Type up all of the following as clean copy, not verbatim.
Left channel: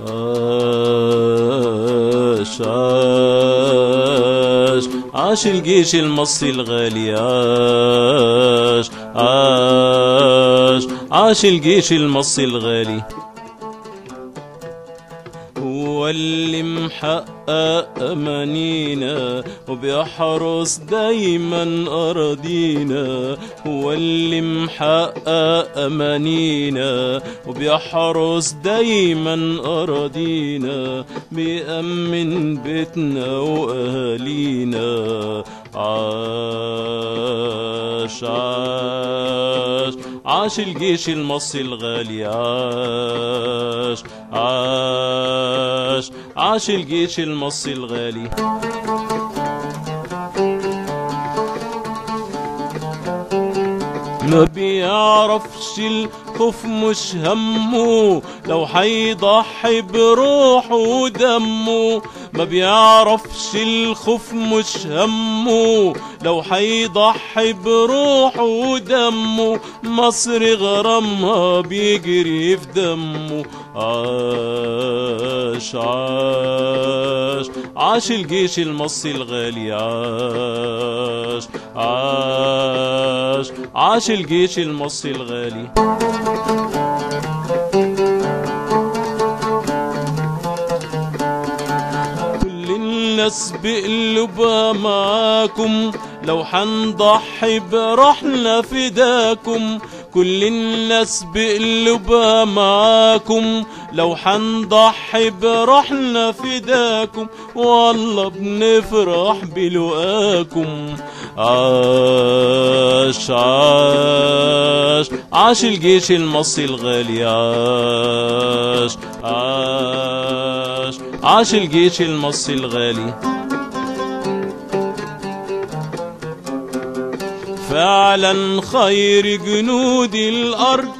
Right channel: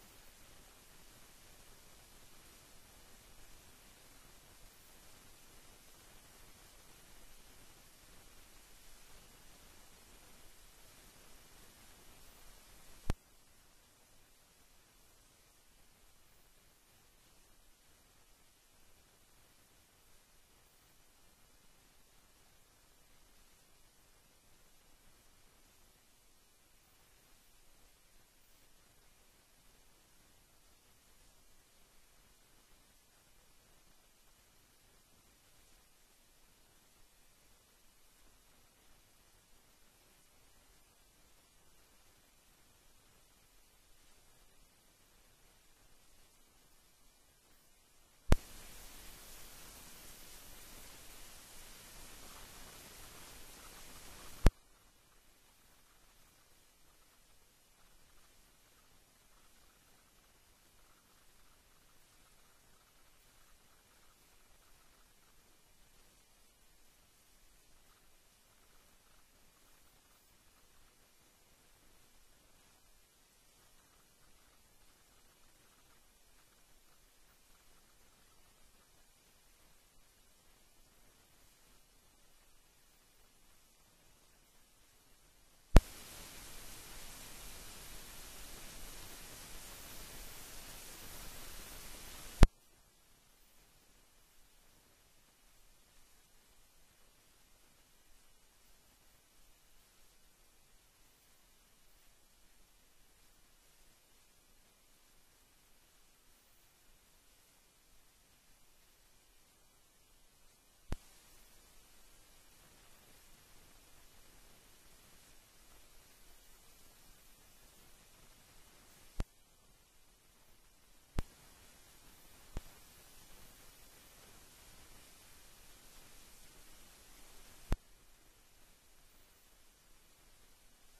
عاش عاش عاش الجيش المصري الغالي، عاش عاش عاش الجيش المصري الغالي. هو اللي محقق أمانينا وبيحرس دايما أراضينا، هو اللي محقق أمانينا وبيحرس دايما أراضينا، بيأمن بيتنا وأهالينا. عاش عاش عاش الجيش المصري الغالي، عاش عاش عاش الجيش المصري الغالي. ما بيعرفش الخوف مش همه لو حيضحي بروحه ودمه، ما بيعرفش الخوف مش همه لو حيضحي بروحه ودمه، مصر غرامها بيجري في دمه. عاش عاش عاش الجيش المصري الغالي، عاش عاش عاش الجيش المصري الغالي. كل الناس بقلوبها معاكم لو حنضحي بروحنا فداكم، كل الناس بقلوبها معاكم لو حنضحي بروحنا فداكم، والله بنفرح بلقاكم. عاش عاش عاش الجيش المصري الغالي، عاش عاش عاش الجيش المصري الغالي. فعلا خير جنود الأرض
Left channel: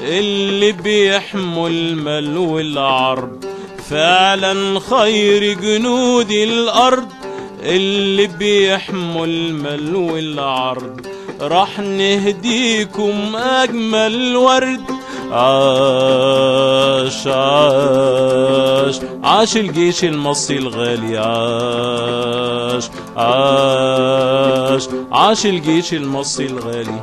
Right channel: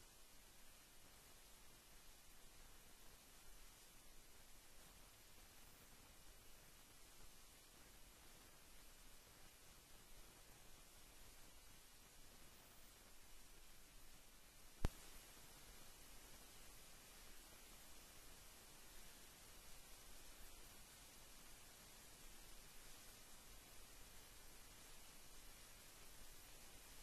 اللي بيحموا المال والعرض، فعلا خير جنود الأرض اللي بيحموا المال والعرض، راح نهديكم أجمل ورد. عاش عاش عاش الجيش المصري الغالي، عاش عاش عاش الجيش المصري الغالي.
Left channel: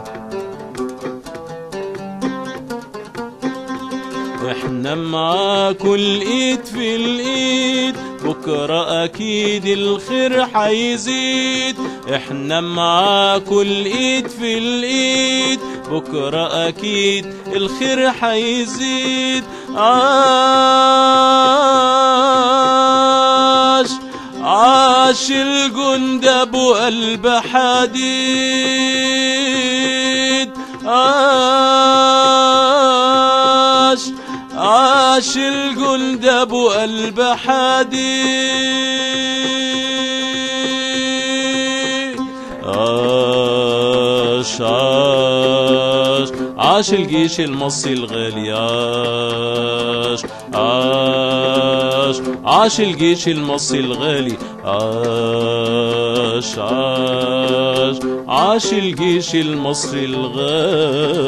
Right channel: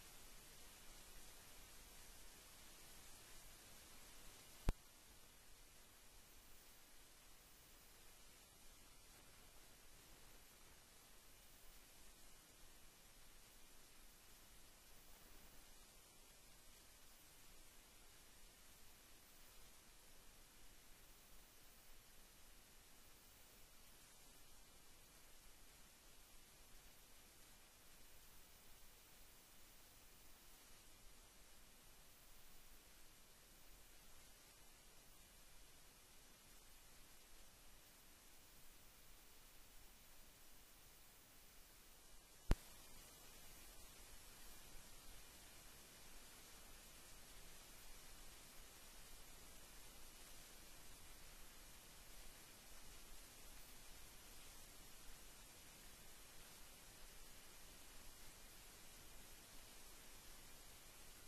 احنا معاكوا الايد في الايد، بكرة اكيد الخير حيزيد. احنا معاكوا الايد في الايد، بكرة اكيد الخير حيزيد. عاش عاش الجند ابو قلب حديد، عاش عاش الجند ابو قلب حديد. عاش عاش عاش الجيش المصري الغالي، عاش عاش عاش الجيش المصري الغالي، عاش عاش عاش الجيش المصري الغالي.